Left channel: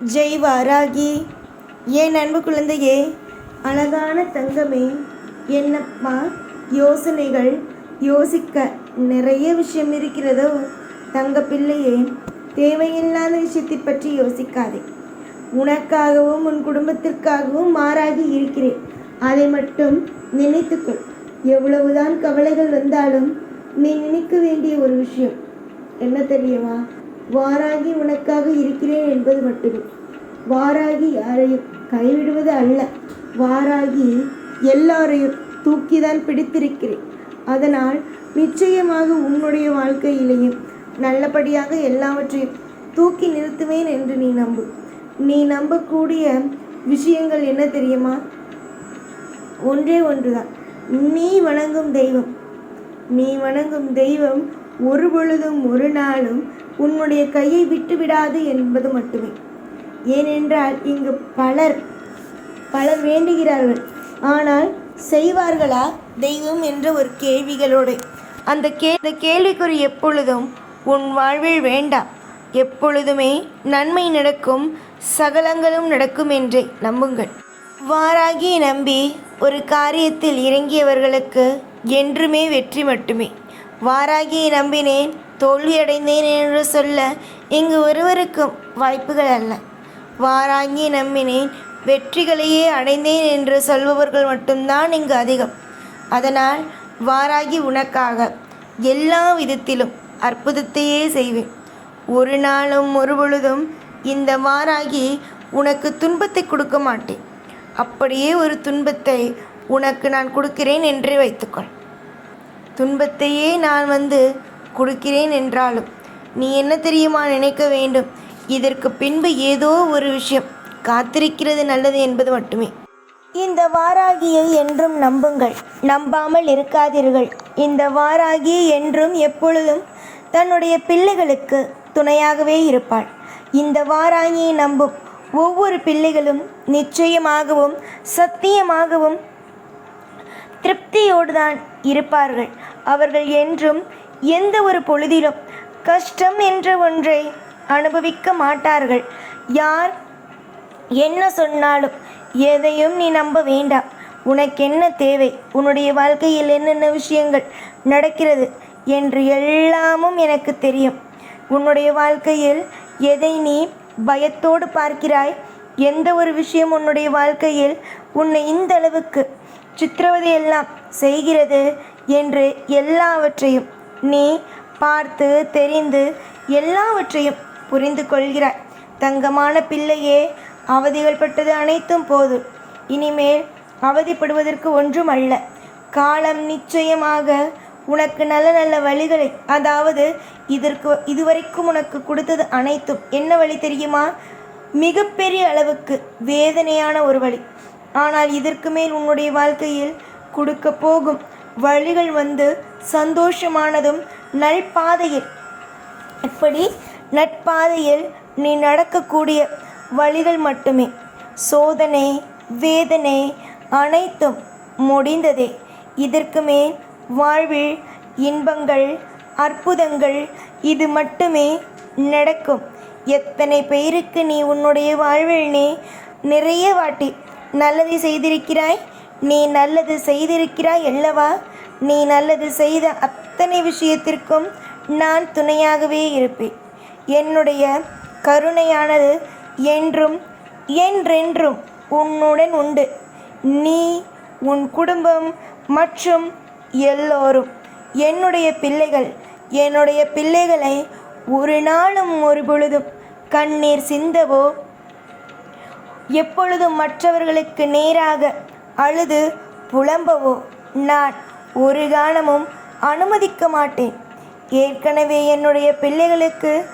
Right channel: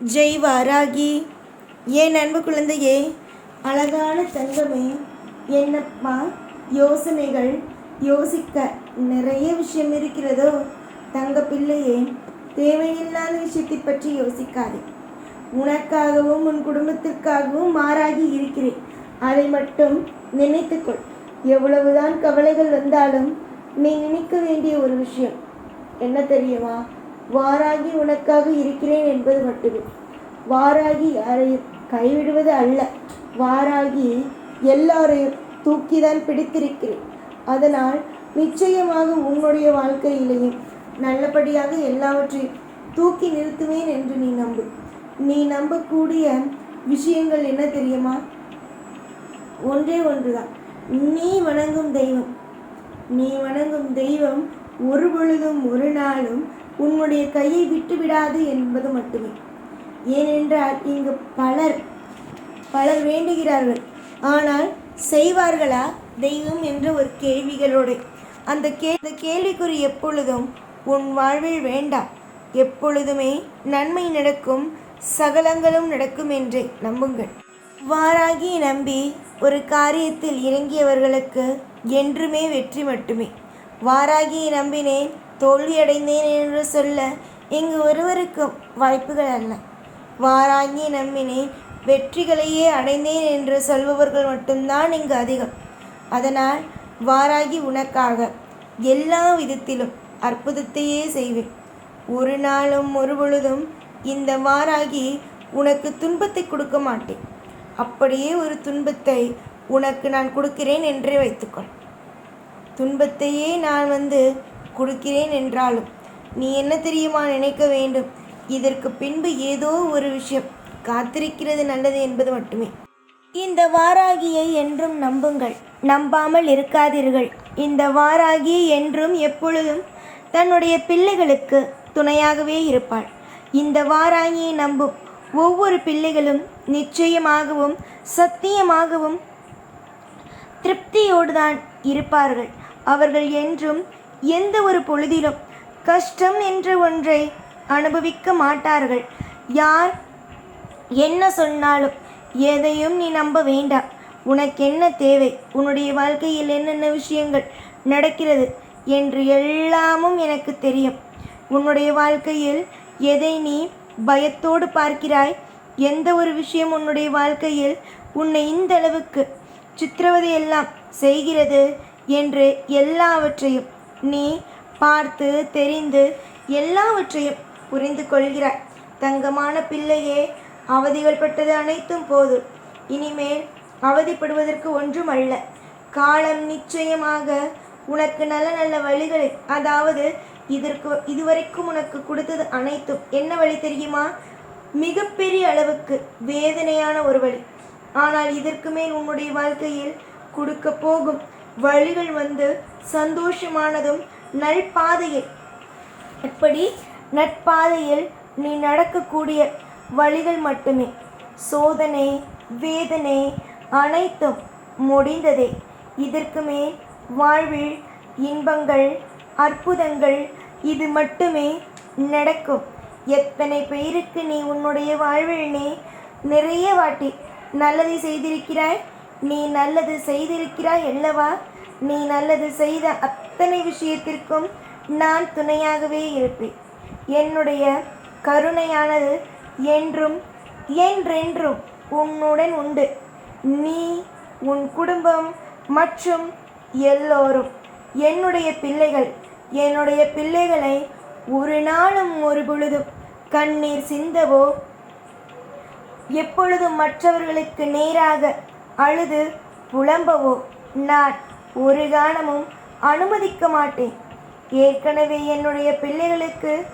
ஜெய் வாராகி. என் அன்பு குழந்தையே அழகான தங்கமே என்னப்பா யோசனைகள்? யோசிக்க நிறைய விஷயம் இருக்கிறதோ? தங்க பிள்ளையே தேவையில்லாத விஷயத்தை பற்றி யோசிக்காதே. உனக்காகவும் உன் குடும்பத்திற்காகவும் மாறாகி இருக்கிறேன். அதை மட்டும் நினைத்துக்கொள். எவ்வளவுதான் கவலைகள் வந்தாலும் நீ நினைக்க வேண்டிய ஒரு விஷயம். என்ன தெரியுமா? வாராகி உனக்காக இருக்கிறேன் என்பது மட்டுமே. வாராகி யாரையும் கைவிடுவது அல்ல. வாராகி எல்லாரையும் தூக்கிதான் பிடித்திருக்கிறேன். அதனால் நிச்சயமாக உன்னுடைய வாழ்க்கையிலேயும் நல்லபடியாக எல்லாவற்றையும் தூக்கி நிறுத்துவேன் என்று நீ நம்பு. நீ நம்பக்கூடிய விஷயங்கள் என்ன தெரியுமா? ஒன்றே ஒன்றுதான். நீ வணங்கும் தெய்வம். நீ வணங்கும் தெய்வம் ஒரு பொழுதும் ஒரு நாளும் உன்னுடைய கையை விட்டுவிடாது என்பது மட்டுமே. ஏனென்றால் இங்கு பலர் பலர் வேண்டுகிறார்கள். ஆனால் செய்வார்களா? தெய்வம் என்ற ஒரு கேள்விகளோடு. அந்த கே அந்த கேள்விக்குறி எப்பொழுதும் உன் வாழ்வில் வேண்டாம் எப்பொழுதுமே நன்மை நடக்கும் சகலங்களும் நடக்கும் என்றே நம்புங்கள். வாராகி நம்பி ஒரு காரியத்தில் இறங்கியவர்களுக்கு என்றுமே வெற்றி மட்டுமே. வாராகியை நம்பினேன் தோல்வியடைந்தேன் என்று சொல்ல இங்கு ஒருவருக்கும் வாய்ப்புகள் அல்ல. வாராங்கி நம்பினேன் வெற்றிகளையே அடைந்தேன் என்று சொல்பவர்கள் மட்டும்தான் இங்கு அதிகம். அதனால் வாராகி உனக்காக எல்லா விதத்திலும் அற்புதத்தையே செய்வேன். ஒரு நாளும் ஒரு பொழுதும் இந்த வாராகி உனக்கு துன்பத்தை கொடுக்க மாட்டேன். அப்படியே ஒரு துன்பத்தை உனக்கு நான் கொடுக்கிறேன் என்றே வைத்துக்கொள். துன்பத்தையே நான் வந்து கொடுக்கிறேன் என்றாலும் நீ என்ன தெரியுமா நினைக்க வேண்டும்? இதற்கு பின்பு ஏதோ ஒரு விஷயம் காத்திருக்கிறது நல்லது என்பது மட்டுமே. இந்த வாராகியை என்றும் நம்புங்கள். நம்பாமல் இருக்காதீர்கள். இந்த வாராகி என்றும் எப்பொழுதும் தன்னுடைய பிள்ளைகளுக்கு துணையாகவே இருப்பாள். இந்த வாராகியை நம்பும் ஒவ்வொரு பிள்ளைகளும் நிச்சயமாகவும் சத்தியமாகவும் திருப்தியோடு தான் இருப்பார்கள். அவர்கள் என்றும் எந்த ஒரு பொழுதிலும் கஷ்டம் என்ற ஒன்றை அனுபவிக்க மாட்டார்கள். யார் என்ன சொன்னாலும் எதையும் நீ நம்ப வேண்டாம். உனக்கு என்ன தேவை? உன்னுடைய வாழ்க்கையில் என்னென்ன விஷயங்கள் நடக்கிறது என்று எல்லாமும் எனக்கு தெரியும். உன்னுடைய வாழ்க்கையில் எதை நீ பயத்தோடு பார்க்கிறாய்? எந்த ஒரு விஷயம் உன்னுடைய வாழ்க்கையில் உன்னை இந்த அளவுக்கு சித்திரவதையெல்லாம் செய்கிறது என்று எல்லாவற்றையும் நீ பார்த்து தெரிந்து எல்லாவற்றையும் புரிந்து கொள்கிறாய். தங்கமான பிள்ளையே அவதிகள் பட்டது அனைத்தும் போது இனிமேல் அவதிப்படுவதற்கு ஒன்றும் அல்ல. காலம் நிச்சயமாக உனக்கு நல்ல நல்ல வழிகளை அதாவது இதற்கு இதுவரைக்கும் உனக்கு கொடுத்தது அனைத்தும். என்ன வழி தெரியுமா? மிகப்பெரிய அளவுக்கு வேதனையான ஒரு வழி. ஆனால் இதற்கு மேல் உன்னுடைய வாழ்க்கையில் கொடுக்க போகும் வழிகள் வந்து சந்தோஷமானதும் நல்பாதையில் இப்படி நட்பாதையில் நீ நடக்கக்கூடிய வழிகள் மட்டுமே. சோதனை வேதனை அனைத்தும் முடிந்ததே. இதற்கு மேல் வாழ்வில் இன்பங்கள் அற்புதங்கள் இது மட்டுமே நடக்கும். எத்தனை பேருக்கு நீ உன்னுடைய வாழ்வில் நீ நிறைய வாட்டி நல்லதை செய்திருக்கிறாய்? நீ நல்லது செய்திருக்கிறாய் அல்லவா? நீ நல்லது செய்த அத்தனை விஷயத்திற்கும் நான் துணையாகவே இருப்பேன். என்னுடைய கருணையானது என்றும் என்றென்றும் உன்னுடன் உண்டு. நீ உன் குடும்பம் மற்றும் எல்லோரும் என்னுடைய பிள்ளைகள். என்னுடைய பிள்ளைகளை ஒரு நாளும் ஒரு பொழுதும் கண்ணீர் சிந்தவோ? எப்பொழுதும் மற்றவர்களுக்கு நேராக அழுது புலம்பவோ? நான் ஒரு காலமும் அனுமதிக்க மாட்டேன். ஏற்கனவே என்னுடைய பிள்ளைகளுக்கு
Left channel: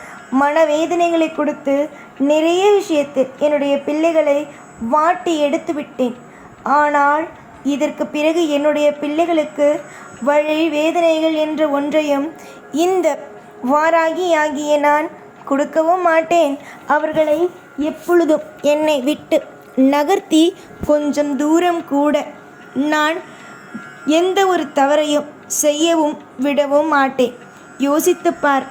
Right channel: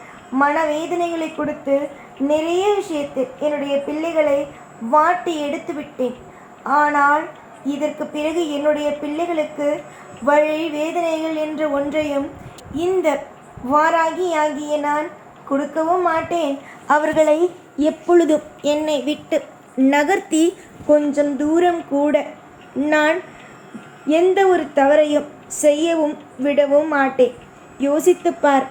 மனவேதனைகளை கொடுத்து நிறைய விஷயத்தில் என்னுடைய பிள்ளைகளை வாட்டி எடுத்து விட்டேன். ஆனால் இதற்கு பிறகு என்னுடைய பிள்ளைகளுக்கு வழி வேதனைகள் என்ற ஒன்றையும் இந்த வாராகி ஆகிய நான் கொடுக்கவும் மாட்டேன். அவர்களை எப்பொழுதும் என்னை விட்டு நகர்த்தி கொஞ்சம் தூரம் கூட நான் எந்த ஒரு தவறையும் செய்யவும் விடவும் மாட்டேன். யோசித்து பார்.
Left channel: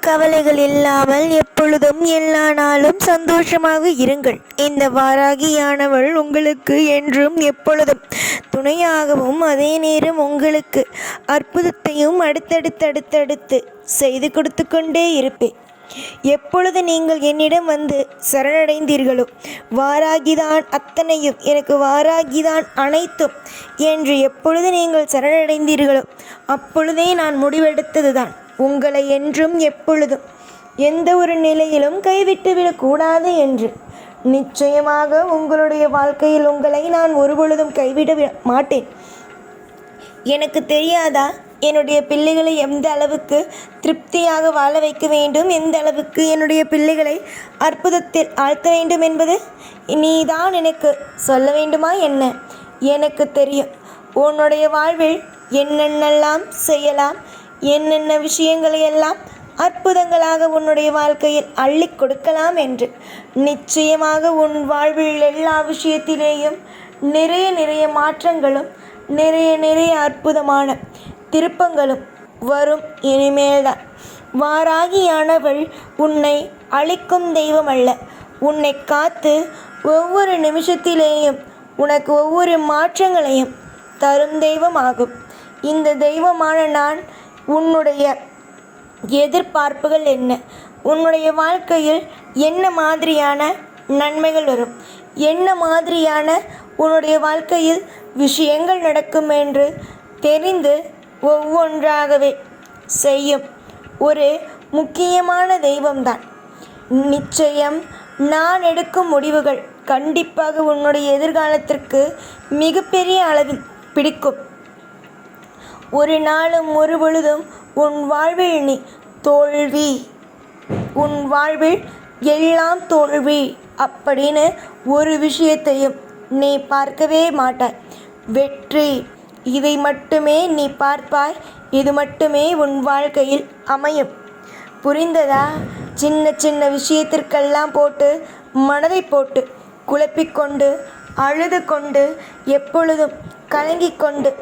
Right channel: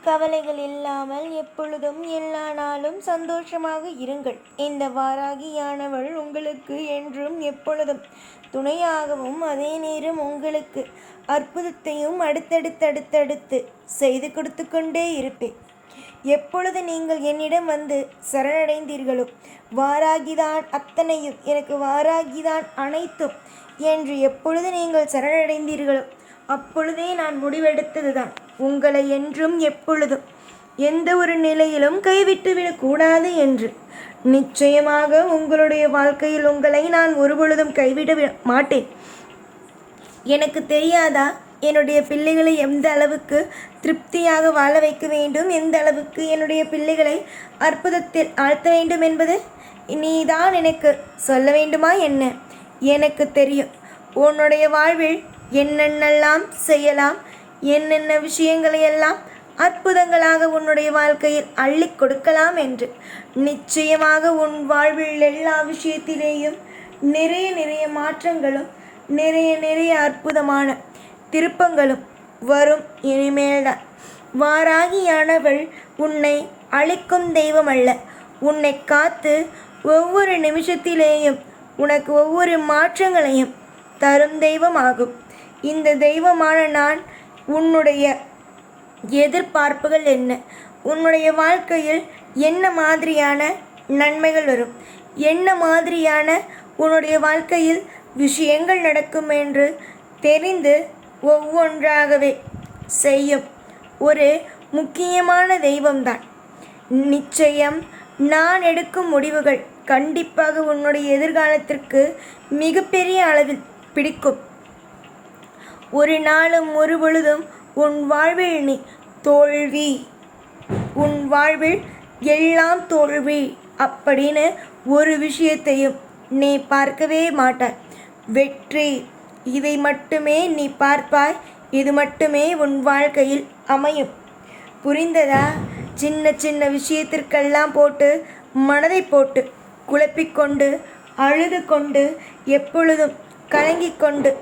கவலைகள் இல்லாமல் எப்பொழுதும் எல்லா நாளும் சந்தோஷமாக இருங்கள். இந்த வாராகியானவள் உங்களுக்கு என்றும் எப்பொழுதும் துணையாகவும் அதே நேரம் உங்களுக்கு அற்புதத்தையும் அடுத்தடுத்து அடுத்தடுத்து செய்து கொடுத்து கொண்டே இருப்பேன். எப்பொழுது நீங்கள் என்னிடம் வந்து சரணடைந்தீர்களோ வாராகிதான் அத்தனையும் எனக்கு வாராகிதான் அனைத்தும் என்று எப்பொழுது நீங்கள் சரணடைந்தீர்களோ அப்பொழுதே நான் முடிவெடுத்ததுதான். உங்களை என்றும் எப்பொழுதும் எந்த ஒரு நிலையிலும் கைவிட்டு விடக்கூடாது என்று. நிச்சயமாக உங்களுடைய வாழ்க்கையில் உங்களை நான் ஒருபொழுதும் கைவிட மாட்டேன். எனக்கு தெரியாதா? என்னுடைய பிள்ளைகளை எந்த அளவுக்கு திருப்தியாக வாழ வைக்க வேண்டும்? எந்த அளவுக்கு என்னுடைய பிள்ளைகளை அற்புதத்தில் ஆழ்த்த வேண்டும் என்பது? நீதான் எனக்கு சொல்ல வேண்டுமா என்ன? எனக்கு தெரியும். உன்னுடைய வாழ்வில் என்னென்னலாம் செய்யலாம்? என்னென்ன விஷயங்களை எல்லாம் அற்புதங்களாக உன்னுடைய வாழ்க்கையில் அள்ளி கொடுக்கலாம் என்று. நிச்சயமாக உன் வாழ்வில் எல்லா விஷயத்திலேயும் நிறைய நிறைய மாற்றங்களும் நிறைய நிறைய அற்புதமான திருப்பங்களும் வரும் இனிமேல்தான். வாராகியானவள் உன்னை அழிக்கும் தெய்வம் அல்ல உன்னை காத்து ஒவ்வொரு நிமிஷத்திலேயும் உனக்கு ஒவ்வொரு மாற்றங்களையும் தரும் தெய்வமாகும். இந்த தெய்வமான நான் உன்னுடைய எதிர்பார்ப்புகள் என்ன? உன்னுடைய வாழ்க்கையில் என்ன மாதிரியான நன்மைகள் வரும்? என்ன மாதிரியான உன்னுடைய வாழ்க்கையில் விஷயங்கள் நடக்கும் என்று தெரிந்து ஒவ்வொன்றாகவே செய்யும். ஒரு முக்கியமான தெய்வம்தான். நிச்சயம் நான் எடுக்கும் முடிவுகள் கண்டிப்பாக உன்னுடைய எதிர்காலத்திற்கு மிகப்பெரிய அளவில் பிடிக்கும். ஒரு நாளும் ஒரு பொழுதும் உன் வாழ்வில் நீ தோல்வி. உன் வாழ்வில் எல்லாம் தோல்வி அப்படின்னு ஒரு விஷயத்தையும் நீ பார்க்கவே மாட்டாய். வெற்றி இதை மட்டுமே நீ பார்ப்பாய் இது மட்டுமே உன் வாழ்க்கையில் அமையும். புரிந்ததா? சின்ன சின்ன விஷயத்திற்கெல்லாம் போட்டு மனதை போட்டு குழப்பிக்கொண்டு அழுது கொண்டு எப்பொழுதும் கலங்கி கொண்டு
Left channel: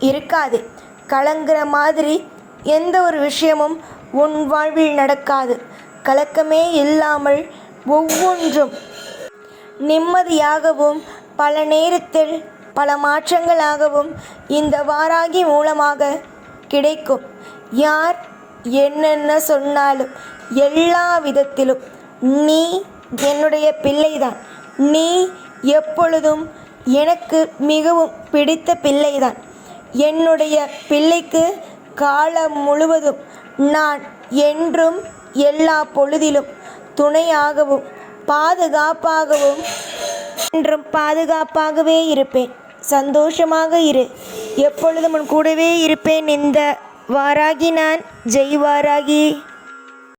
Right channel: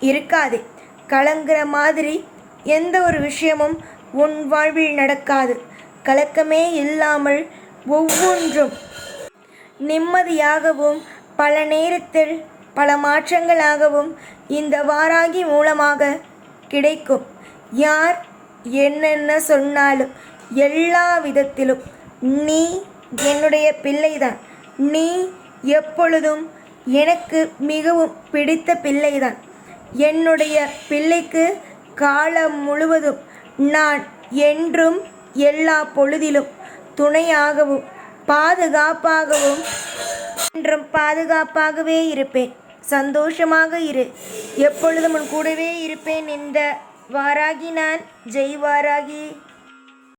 இருக்காதே. கலங்குற மாதிரி எந்த ஒரு விஷயமும் உன் வாழ்வில் நடக்காது. கலக்கமே இல்லாமல் ஒவ்வொன்றும் நிம்மதியாகவும் பல நேரத்தில் பல மாற்றங்களாகவும் இந்த வாராகி மூலமாக கிடைக்கும். யார் என்னென்ன சொன்னாலும் எல்லா விதத்திலும் நீ என்னுடைய பிள்ளைதான். நீ எப்பொழுதும் எனக்கு மிகவும் பிடித்த பிள்ளைதான். என்னுடைய பிள்ளைக்கு காலம் முழுவதும் நான் என்றும் எல்லா பொழுதிலும் துணையாகவும் பாதுகாப்பாகவும் என்றும் பாதுகாப்பாகவே இருப்பேன். சந்தோஷமாக இரு. எப்பொழுதும் உன் கூடவே இருப்பேன். இந்த வாராகி நான். ஜெய் வாராகி